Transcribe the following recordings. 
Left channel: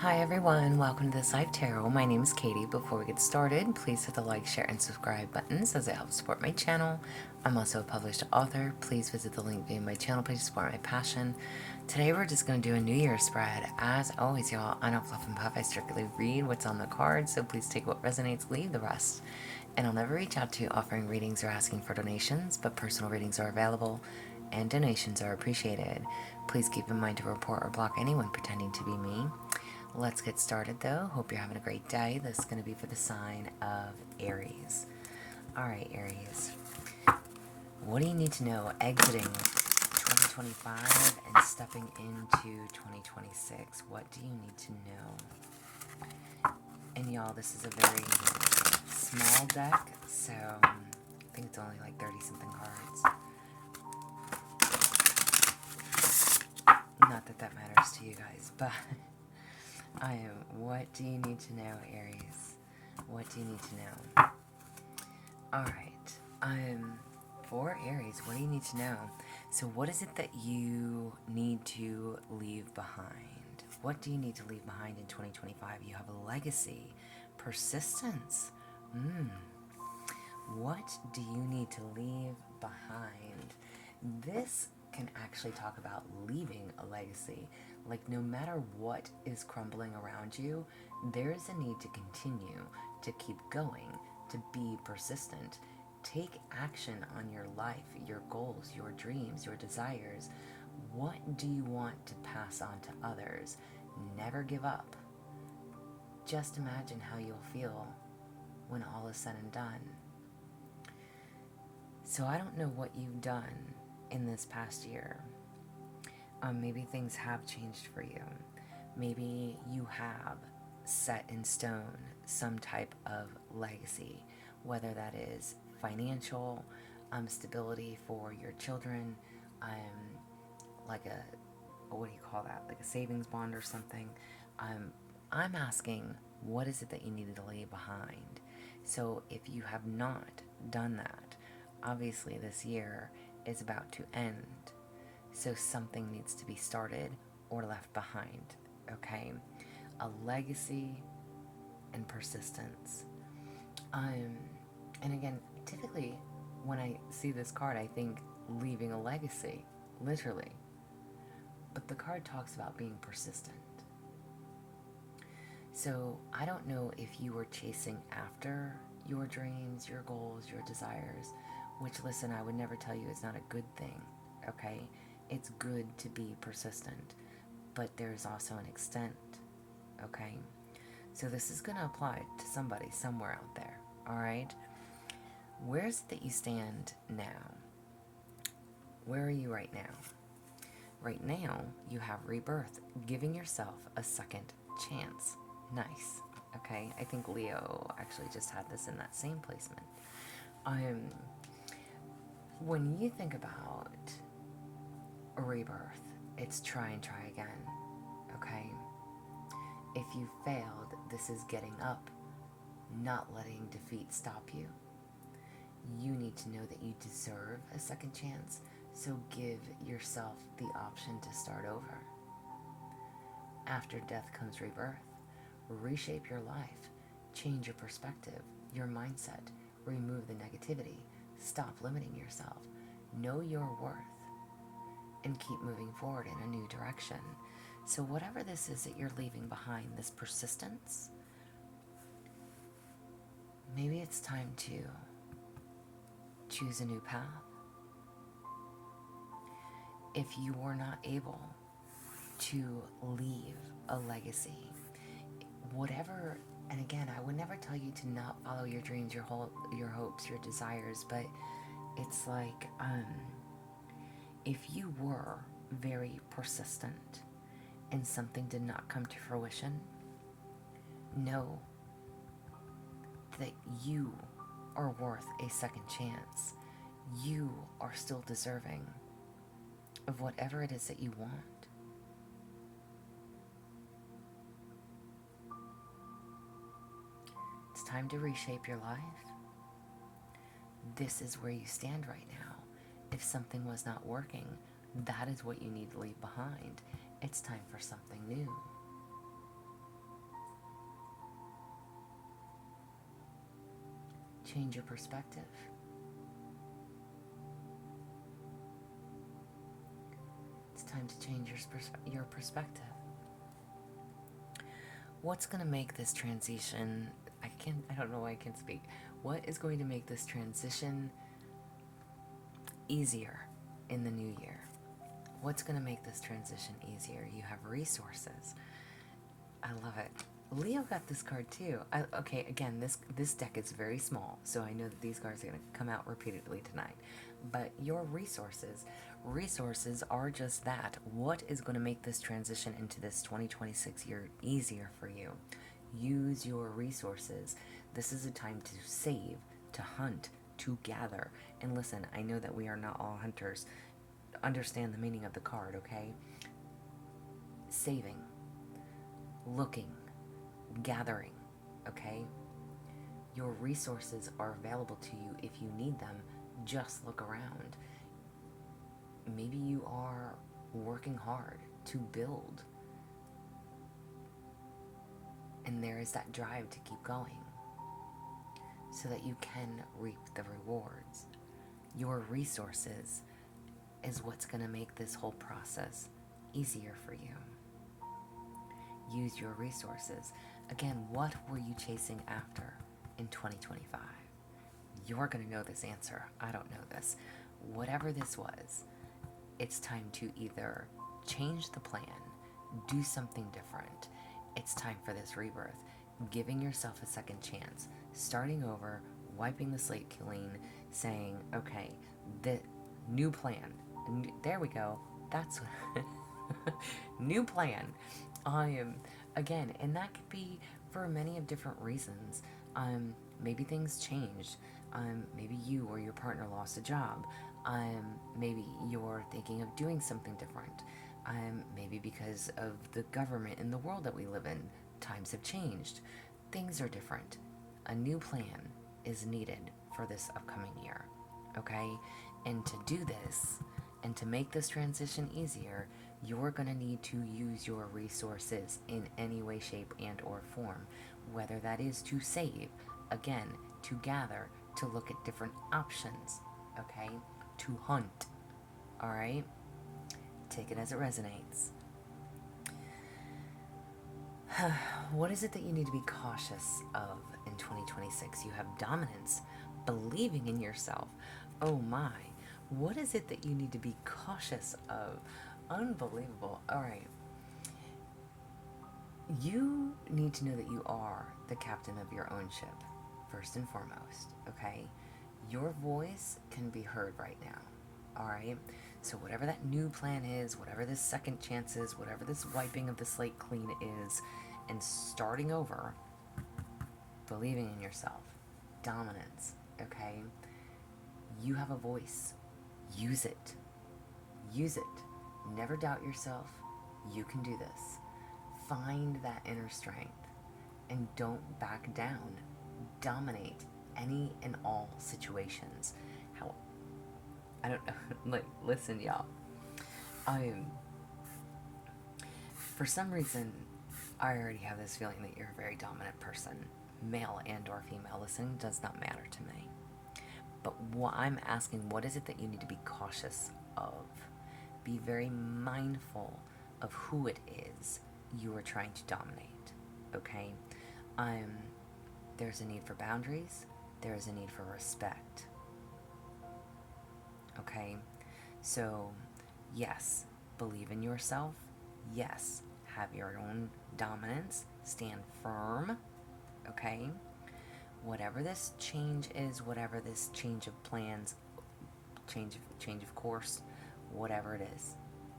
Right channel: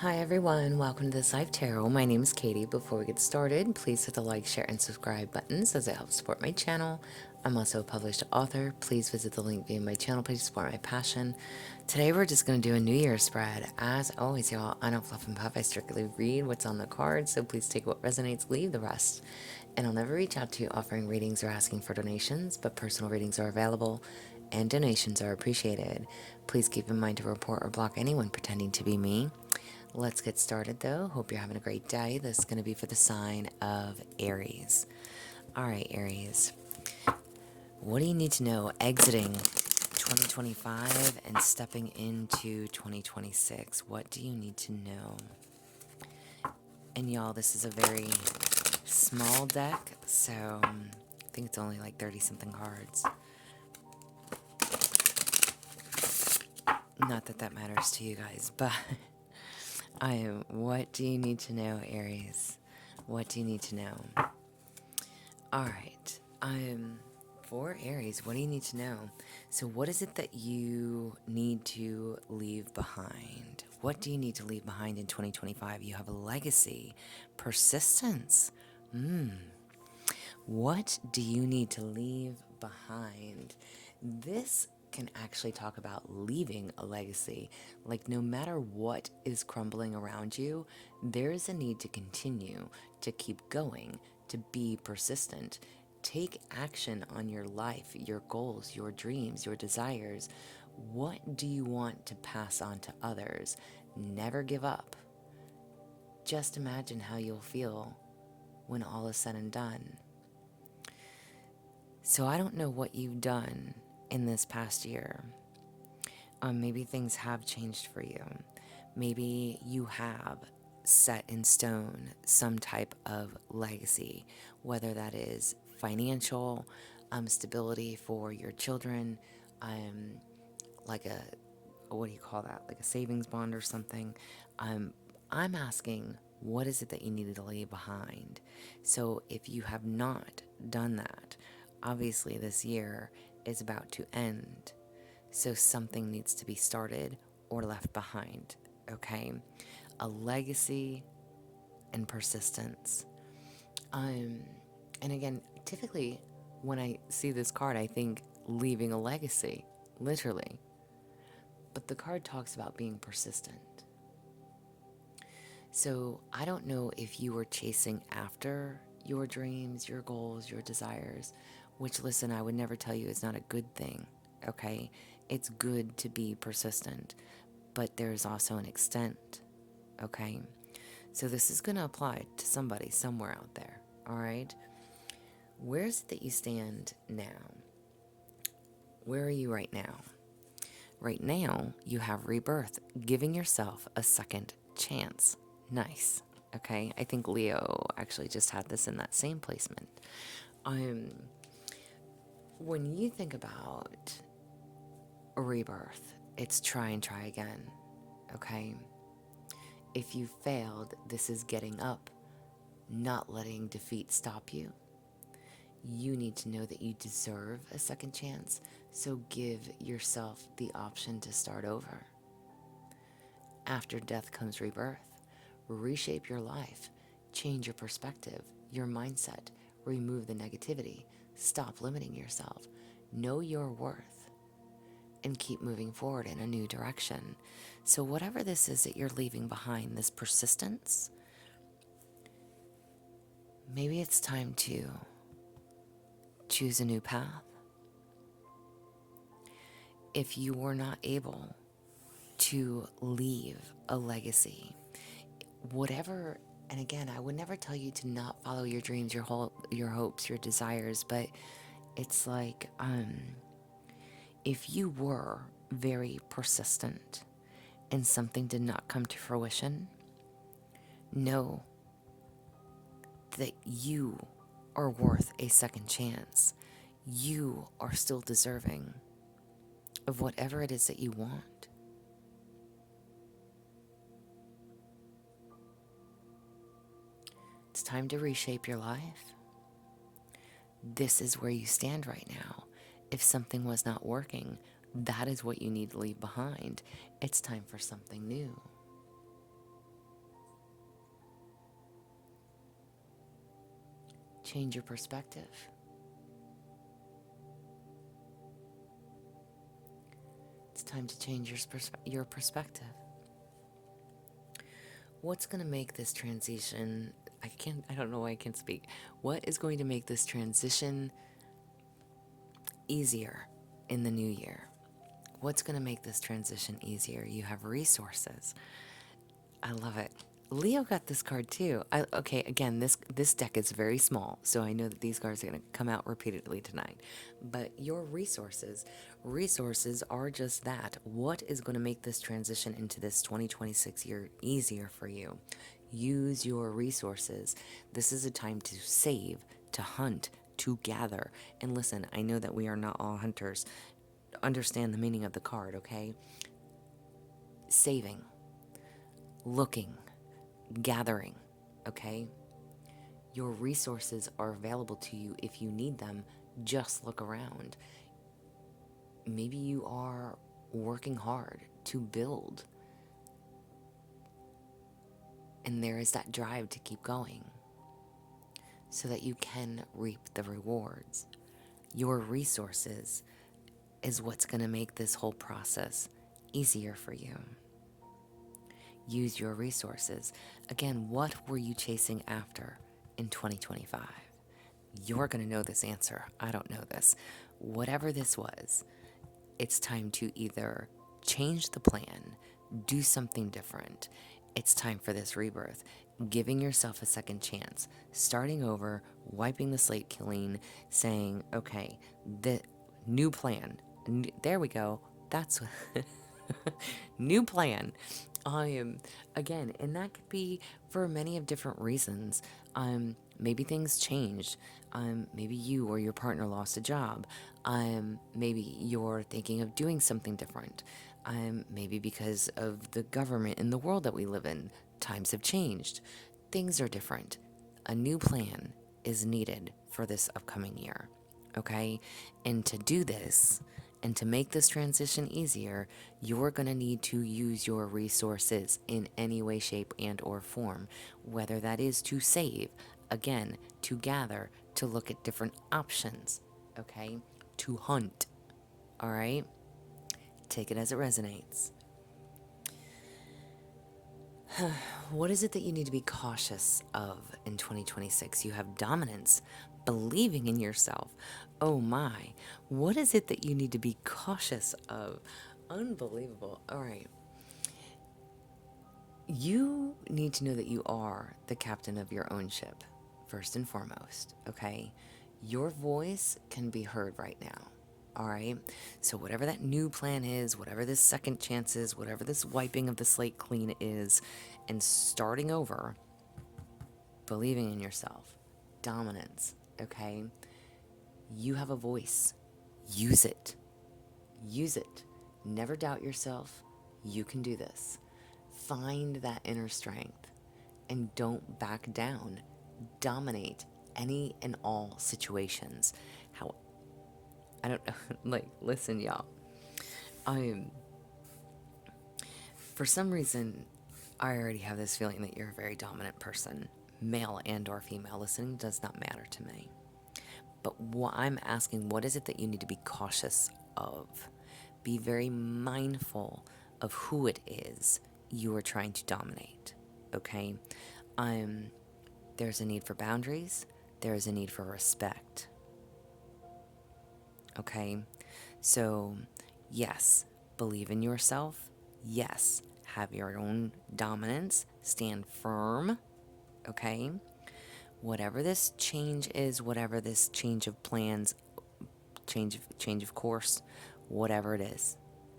Hi everyone, welcome to the Life Tarot. My name is Katie. Before we get started, please hit the like, share, and subscribe buttons as it helps support my channel. I'm also a published author. Please visit the link via my channel page to support my passion. Today we're just going to do a New Year's spread. As always, y'all, I don't fluff and puff. I strictly read what's on the card, so please take what resonates, leave the rest. And I'll never reach out to you offering readings or asking for donations, but personal readings are available and donations are appreciated. Please keep in mind to report or block anyone pretending to be me. Let's get started though. Hope you're having a great day. This is going to be for the sign of Aries. Alright, Aries. What do you need to know exiting 2025 and stepping into 2026? What do you need to know? And y'all, this is a very small deck, so I think it's only like 30 something cards. Not that that matters to you guys, but what do you need to know, Aries? What do you need to know? Alright, for Aries, what do you need to know? So what is it that you need to leave behind? What do you need to leave behind in 2025? You have a legacy, persistence. What do you need to leave behind? This can actually talk about leaving a legacy. Like, no matter what is crumbling around you, there is a need to continue, to keep going, to be persistent. Take action on your life, your goals, your dreams, your desires. What do you want to pass on to others? Never give up. Just imagine how you'll feel when all is said and done. So I don't know what you've done in this past year. Maybe things have changed for you. Maybe you have set in stone some type of legacy, whether that is financial, stability for your children, like what do you call that? Like a savings bond or something. I'm asking, what is it that you needed to leave behind? So if you have not done that, obviously this year is about to end. So something needs to be started or left behind, okay? A legacy and persistence. And again, typically when I see this card, I think leaving a legacy, literally. But the card talks about being persistent. So I don't know if you were chasing after your dreams, your goals, your desires, which, listen, I would never tell you is not a good thing, okay? It's good to be persistent, but there's also an extent, okay? So this is going to apply to somebody somewhere out there, all right? Where is it that you stand now? Where are you right now? Right now, you have rebirth, giving yourself a second chance. Nice, okay? I think Leo actually just had this in that same placement. When you think about a rebirth, it's try and try again, okay? If you failed, this is getting up, not letting defeat stop you. You need to know that you deserve a second chance, so give yourself the option to start over. After death comes rebirth. Reshape your life, change your perspective, your mindset, remove the negativity, stop limiting yourself, know your worth, and keep moving forward in a new direction. So whatever this is that you're leaving behind, this persistence, maybe it's time to choose a new path. If you were not able to leave a legacy, whatever, and again, I would never tell you to not follow your dreams, your hopes, your desires, but it's like, if you were very persistent and something did not come to fruition, know that you are worth a second chance. You are still deserving of whatever it is that you want. It's time to reshape your life. This is where you stand right now. If something was not working, that is what you need to leave behind. It's time for something new. change your perspective. It's time to change your perspective. What's going to make this transition, I don't know why I can't speak. What is going to make this transition easier in the new year? What's going to make this transition easier? You have resources. I love it. Leo got this card too. Okay, again, this deck is very small, so I know that these cards are going to come out repeatedly tonight. But your resources are just that. What is going to make this transition into this 2026 year easier for you? Use your resources. This is a time to save, to hunt, to gather. And listen, I know that we are not all hunters. Understand the meaning of the card, okay? Saving, looking, gathering, okay? Your resources are available to you if you need them. Just look around. Maybe you are working hard to build, and there is that drive to keep going so that you can reap the rewards. Your resources is what's going to make this whole process easier for you. Use your resources. Again, what were you chasing after in 2025? You're going to know this answer. I don't know this. Whatever this was, it's time to either change the plan, do something different. It's time for this rebirth. Giving yourself a second chance, starting over, wiping the slate clean, saying, okay, the new plan. There we go. That's new plan. Again, and that could be for many of different reasons. Maybe things changed. Maybe you or your partner lost a job. Maybe you're thinking of doing something different. Maybe because of the government and the world that we live in, times have changed. Things are different. A new plan is needed for this upcoming year, okay? And to do this, and to make this transition easier, you're going to need to use your resources in any way, shape, and or form. Whether that is to save, again, to gather, to look at different options, okay? To hunt, all right? Take it as it resonates. What is it that you need to be cautious of in 2026? You have dominance, believing in yourself. Oh my. What is it that you need to be cautious of? Unbelievable. All right. You need to know that you are the captain of your own ship, first and foremost, okay? Your voice can be heard right now. All right. So whatever that new plan is, whatever this second chance is, whatever this wiping of the slate clean is, and starting over, believing in yourself, dominance, okay? You have a voice. Use it. Use it. Never doubt yourself. You can do this. Find that inner strength and don't back down. Dominate any and all situations. I don't know. Like, listen, y'all. For some reason, I already have this feeling that you're a very dominant person, male and or female. Listening does not matter to me. But what I'm asking, what is it that you need to be cautious of? Be very mindful of who it is you are trying to dominate. Okay? There's a need for boundaries. There's a need for respect. Okay? So, yes, believe in yourself. Yes, have your own dominance. Stand firm. Okay? Whatever this change is, whatever this change of plans, change of course, whatever it is.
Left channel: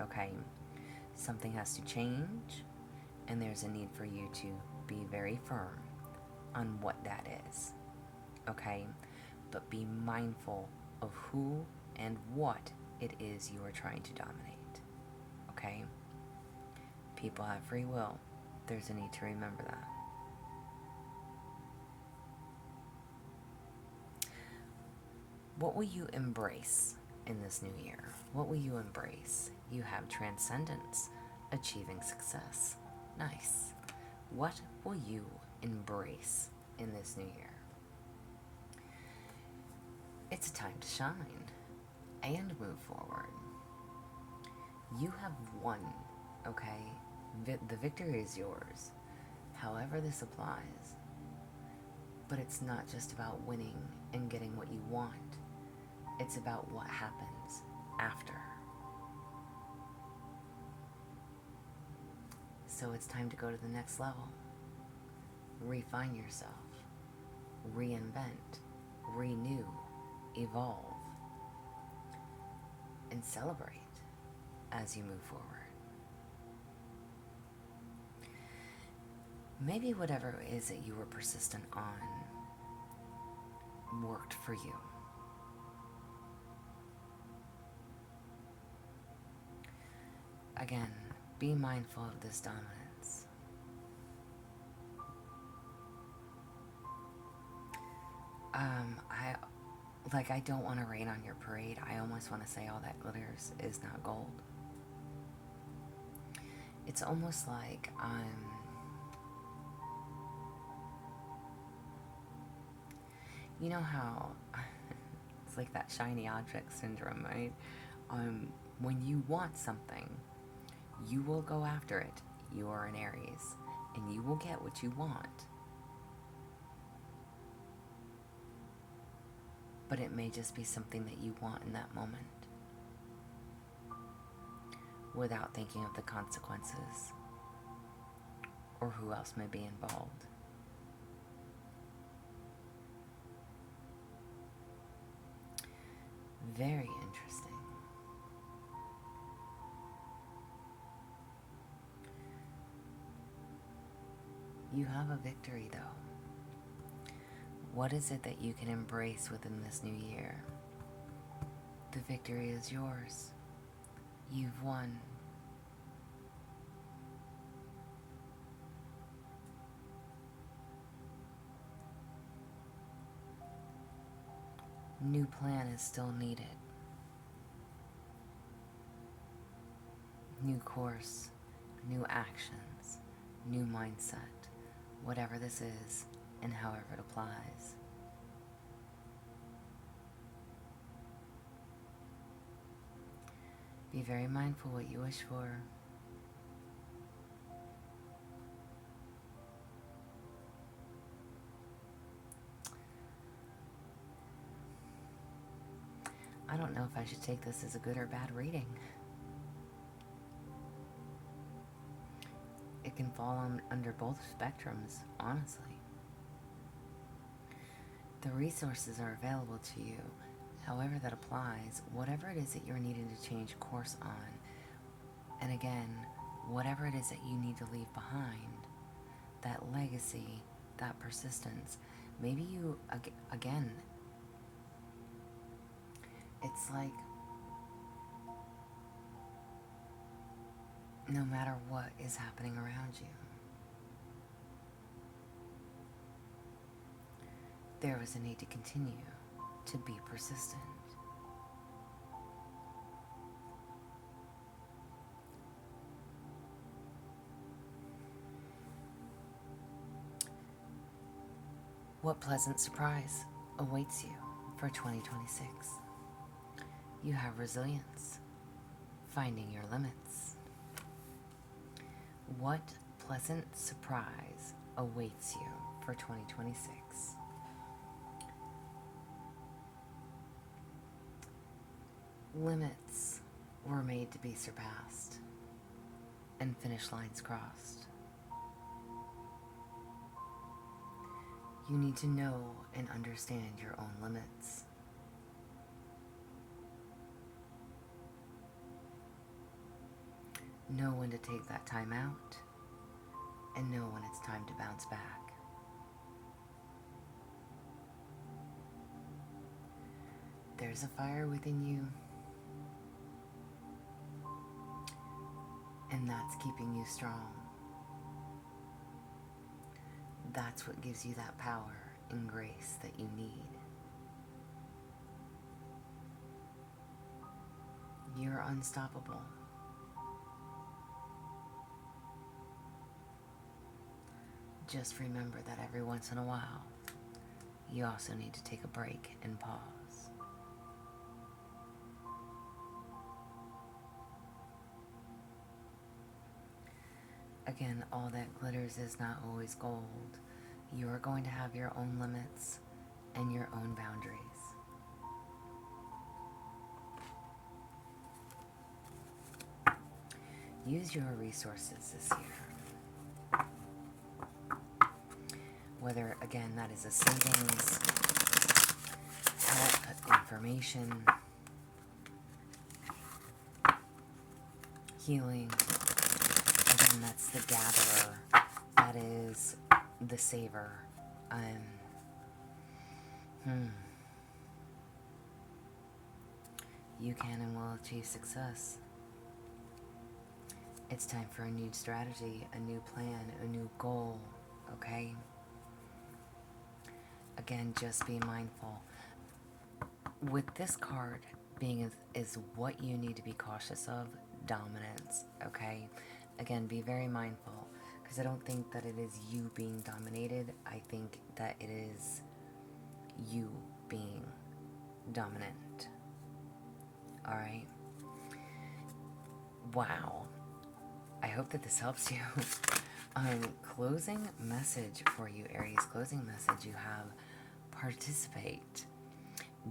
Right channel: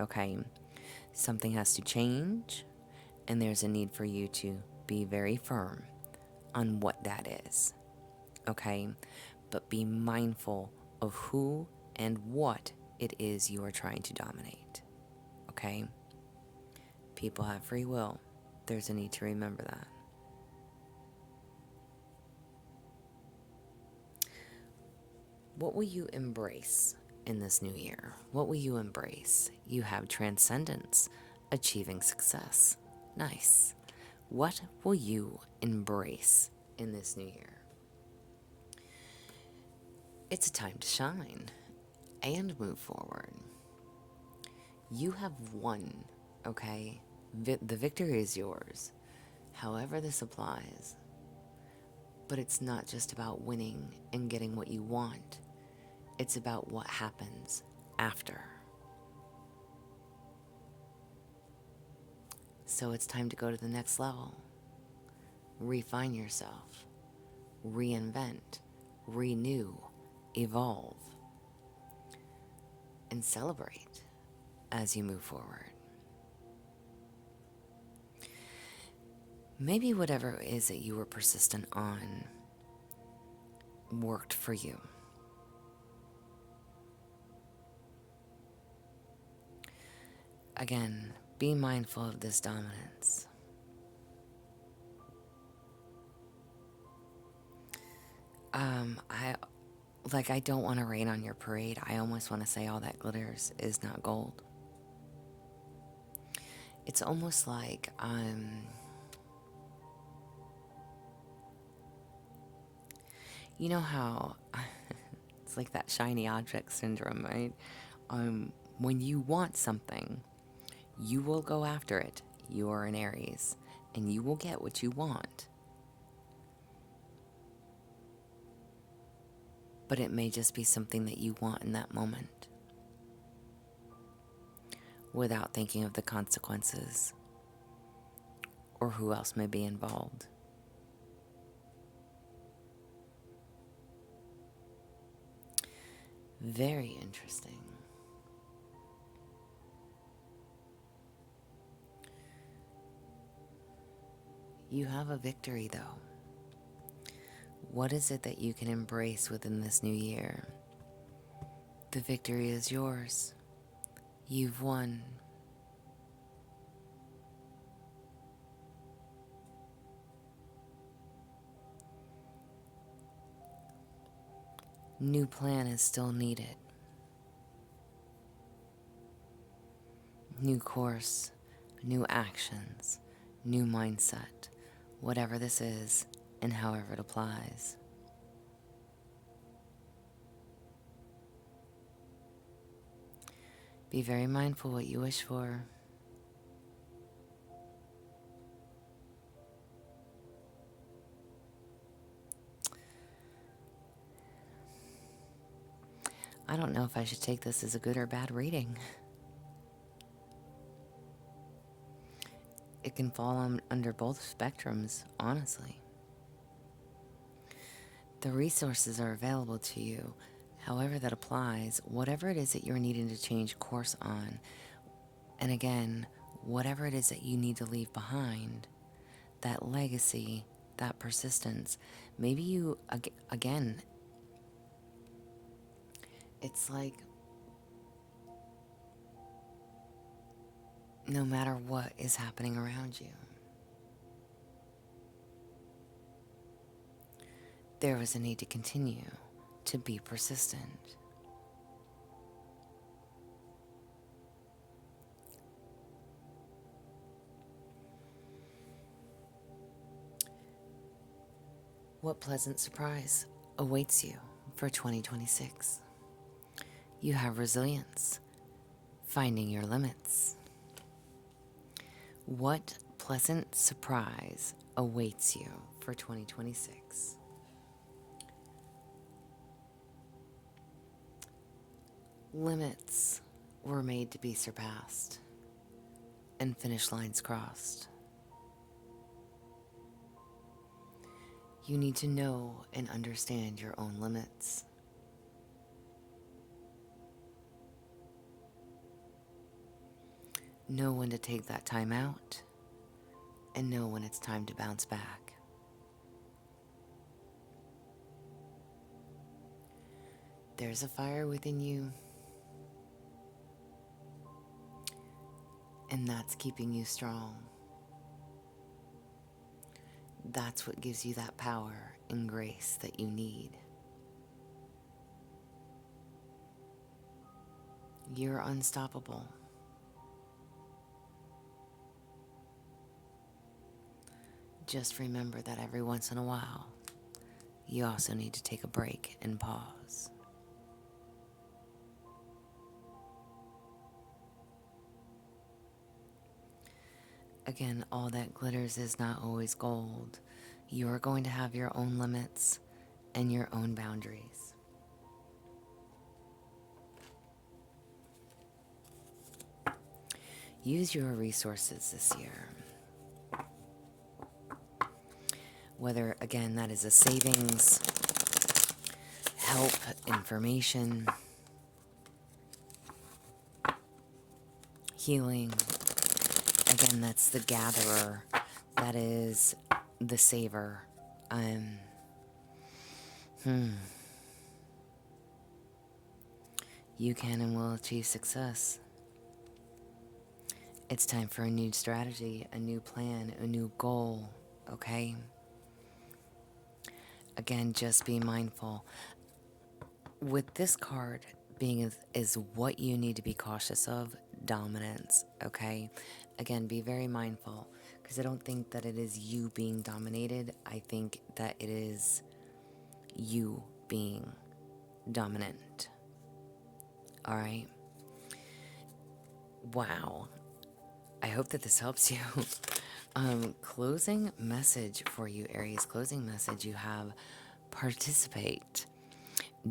Okay? Something has to change, and there's a need for you to be very firm on what that is. Okay? But be mindful of who and what it is you are trying to dominate. Okay? People have free will. There's a need to remember that. What will you embrace in this new year? What will you embrace? You have transcendence, achieving success. Nice. What will you embrace in this new year? It's time to shine and move forward. You have won, okay? The victory is yours, however this applies. But it's not just about winning and getting what you want. It's about what happens after. So it's time to go to the next level. Refine yourself. Reinvent. Renew. Evolve. And celebrate as you move forward. Maybe whatever it is that you were persistent on worked for you. Again, be mindful of this dominance. I don't want to rain on your parade. I almost want to say all that glitters is not gold. It's almost like you know how it's like that shiny object syndrome, right? When you want something, you will go after it. You are an Aries, and you will get what you want. But it may just be something that you want in that moment, without thinking of the consequences or who else may be involved. Very interesting. You have a victory, though. What is it that you can embrace within this new year? The victory is yours. You've won. New plan is still needed. New course, new actions, new mindset, whatever this is and however it applies. Be very mindful what you wish for. I don't know if I should take this as a good or bad reading. It can fall under both spectrums, honestly. The resources are available to you, however that applies, whatever it is that you're needing to change course on. And again, whatever it is that you need to leave behind, that legacy, that persistence, maybe you, again, it's like no matter what is happening around you, there was a need to continue to be persistent. What pleasant surprise awaits you for 2026? You have resilience, finding your limits. What pleasant surprise awaits you for 2026? Limits were made to be surpassed, and finish lines crossed. You need to know and understand your own limits. Know when to take that time out, and know when it's time to bounce back. There's a fire within you, and that's keeping you strong. That's what gives you that power and grace that you need. You're unstoppable. Just remember that every once in a while, you also need to take a break and pause. Again, all that glitters is not always gold. You are going to have your own limits and your own boundaries. Use your resources this year. Whether, again, that is a savings, help, information, healing. Again, that's the gatherer. That is the saver. You can and will achieve success. It's time for a new strategy, a new plan, a new goal, okay? Again, just be mindful. With this card being is what you need to be cautious of, dominance, okay? Again, be very mindful, because I don't think that it is you being dominated. I think that it is you being dominant. All right? Wow. I hope that this helps you. Closing message for you, Aries. Closing message, you have participate.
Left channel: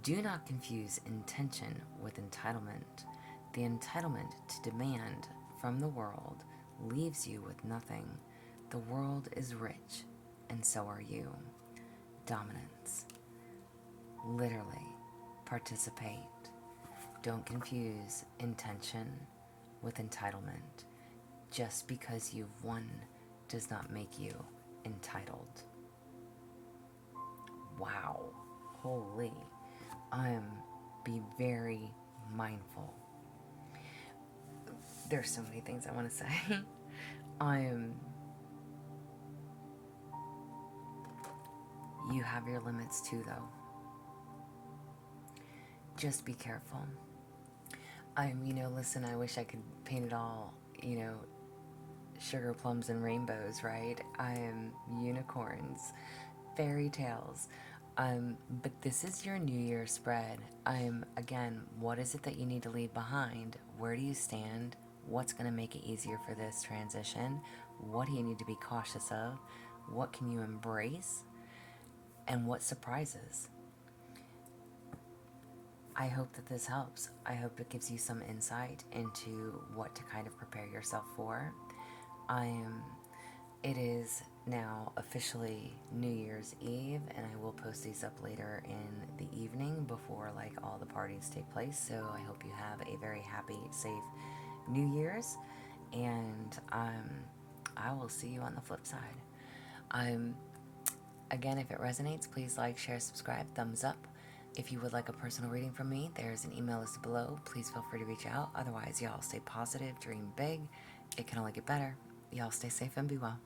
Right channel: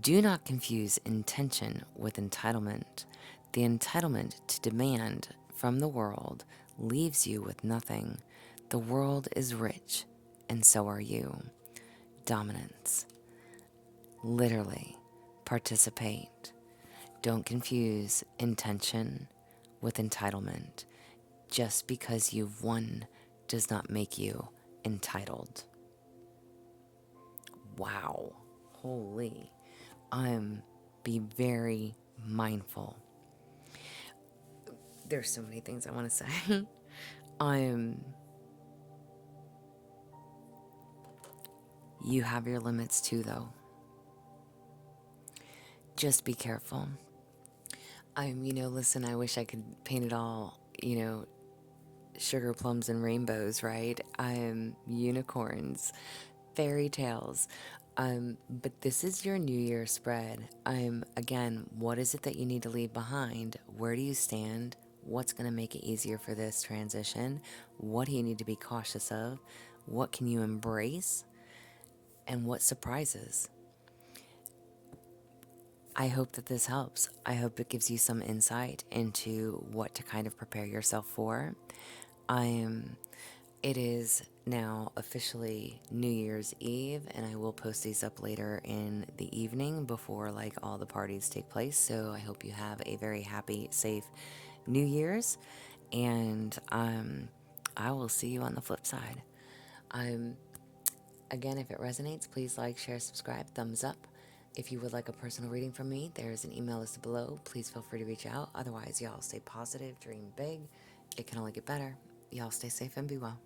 Do not confuse intention with entitlement. The entitlement to demand from the world leaves you with nothing. The world is rich, and so are you. Dominance. Literally, participate. Don't confuse intention with entitlement. Just because you've won does not make you entitled. Wow. Holy. Be very mindful. There's so many things I want to say. You have your limits too, though. Just be careful. Listen, I wish I could paint it all, sugar plums and rainbows, right? Unicorns, fairy tales. But this is your New Year spread. Again, what is it that you need to leave behind? Where do you stand? What's going to make it easier for this transition? What do you need to be cautious of? What can you embrace? And what surprises? I hope that this helps. I hope it gives you some insight into what to kind of prepare yourself for. It is now officially New Year's Eve, and I will post these up later in the evening before all the parties take place. So I hope you have a very happy, safe New Year's, and I will see you on the flip side. Again, if it resonates, please like, share, subscribe, thumbs up. If you would like a personal reading from me, there's an email listed below. Please feel free to reach out. Otherwise, y'all stay positive, dream big. It can only get better. Y'all stay safe and be well.